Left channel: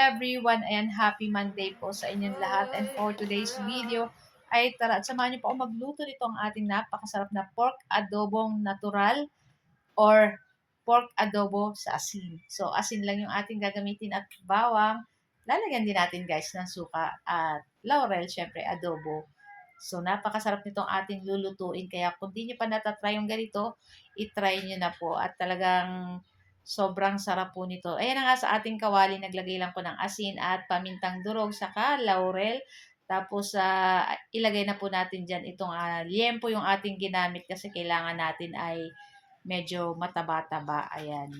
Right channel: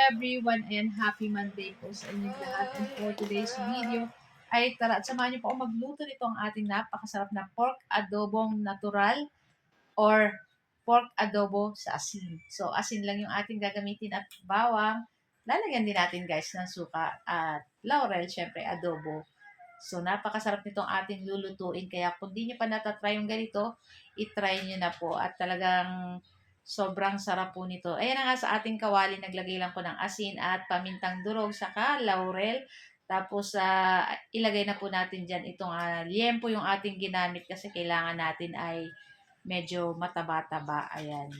everyone and happy Monday po sa inyong lahat. And for today's video ay tara at samahan niyo po ako magluto nito ang ating napakasarap na pork adobong natural or pork adobo sa asin. So asin lang yung ating gagamitin at bawang. Lalagyan din natin guys ng suka at laurel, syempre adobo. So napakasarap nitong ating lulutuin kaya kung di nyo pa natatry yung ganito, itry nyo na po at talagang sobrang sarap po nito. Ayan na nga sa ating kawali, naglagay lang po ng asin at pamintang durog, saka laurel. Tapos, ilagay na po natin dyan itong liempo yung ating ginamit kasi kailangan natin ay medyo mataba-taba. Ayan.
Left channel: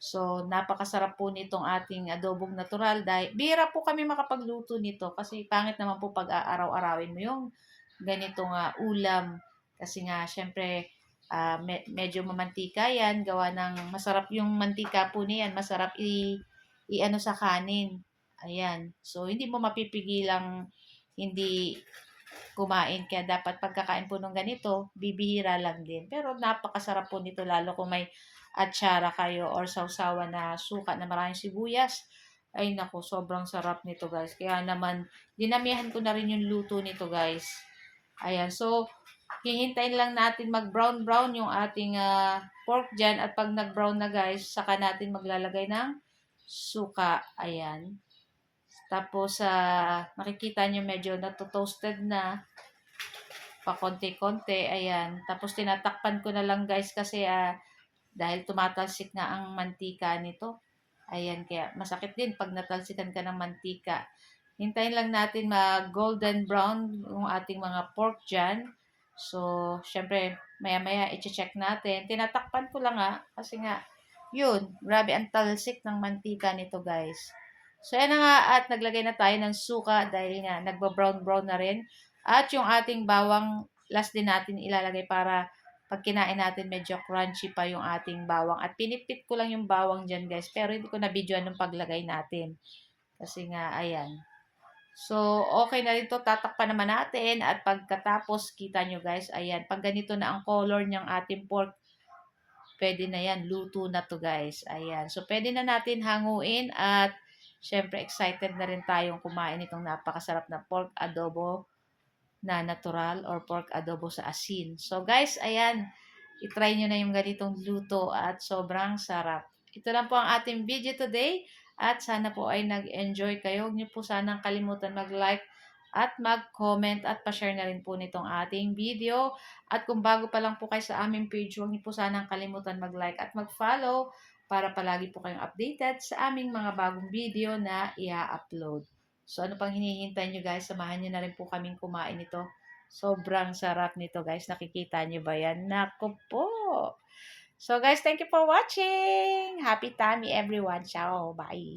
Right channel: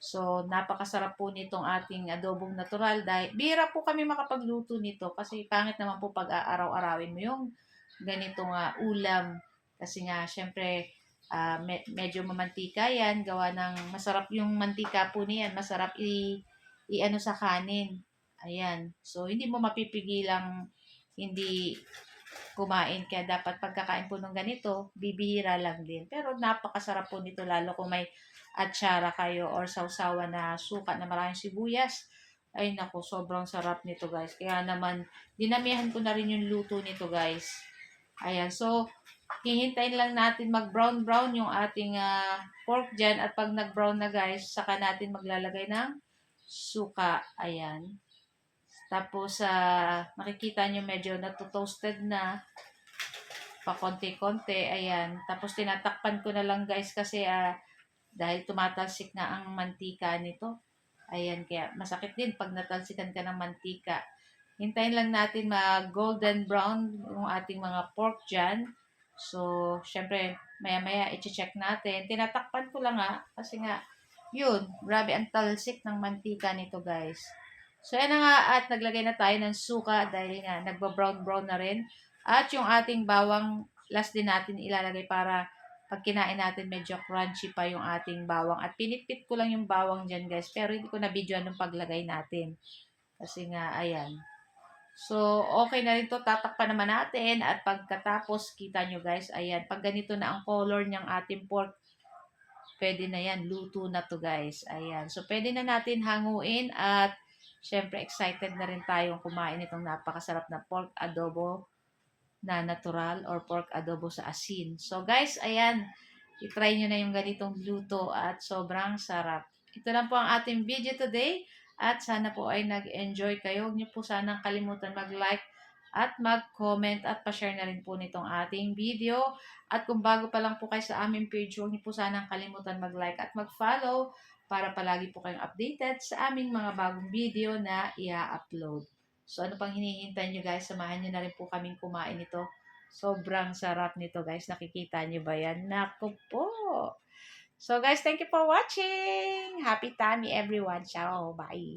So, napakasarap po nitong ating adobong natural. Dahil, bihira po kami makapagluto nito kasi pangit naman po pag aaraw-arawin mo yung ganitong ulam. Kasi nga, syempre, medyo mamantika yan. Gawa ng masarap yung mantika po niyan. Masarap i-ano sa kanin. Ayan. So, hindi mo mapipigilang hindi kumain. Kaya dapat pagkakain po ng ganito, bibihira lang din. Pero napakasarap po nito lalo kung may atsara kayo or sausawa na suka na maraming sibuyas. Ay nako, sobrang sarap nito guys. Kaya naman, dinamihan ko na rin yung luto nito guys. Ayan, so hihintayin lang natin mag-brown-brown yung ating pork dyan. At pag nag-brown na guys, saka natin maglalagay ng suka. Ayan. Tapos, makikita nyo medyo natotoasted na pa konti-konti. Ayan. Tapos, tinatakpan ko na lang guys kasi dahil tumatalsik na ang mantika nito. Ayan, kaya masakit din pag natalsikan ka ng mantika. Hintayin lang natin mag-golden brown yung ating mga pork dyan. So, syempre, maya-maya i-check natin. Tinatakpan ko lang kasi nga, yun, grabe ang talsik ng mantika nito guys. So, yan na nga at naglagay na tayo ng suka dahil nga nagba-brown-brown na rin. At yung ating bawang, last din natin ilalagay para pag kinain natin, medyo crunchy pa yung ating bawang. At pinipit ko lang yung bawang dyan guys, pero hindi ko na videoan yung paglagay natin. Kasi nga, ayan. So, okay na rin to. Tatakpan naman natin. At pagkatapos, kita nyo guys, ayan. Pag ganito na ang color ng ating pork, pwede na yan. Luto na to guys. Ayan. So, pwede na natin hanguin. At, syempre, excited na rin tayong kumain itong napakasarap na pork adobo na natural or pork adobo sa asin. So, guys, ayan. I-try nyo na yung ganitong luto at sobrang sarap. Ito lang po ang ating video today. At sana po ay nag-enjoy kayo. Huwag niyo po sanang kalimutan mag-like at mag-comment at pa-share na rin po nitong ating video. At kung bago pa lang po kayo sa aming page, huwag niyo po sanang kalimutan mag-like at mag-follow para palagi po kayong updated sa aming mga bagong video na i-upload. So ano pang hinihintay nyo guys, samahan nyo na rin po kaming kumain ito. Sobrang sarap nito guys, nakikita nyo ba yan? Naku po! So guys, thank you for watching! Happy tummy everyone! Ciao! Bye!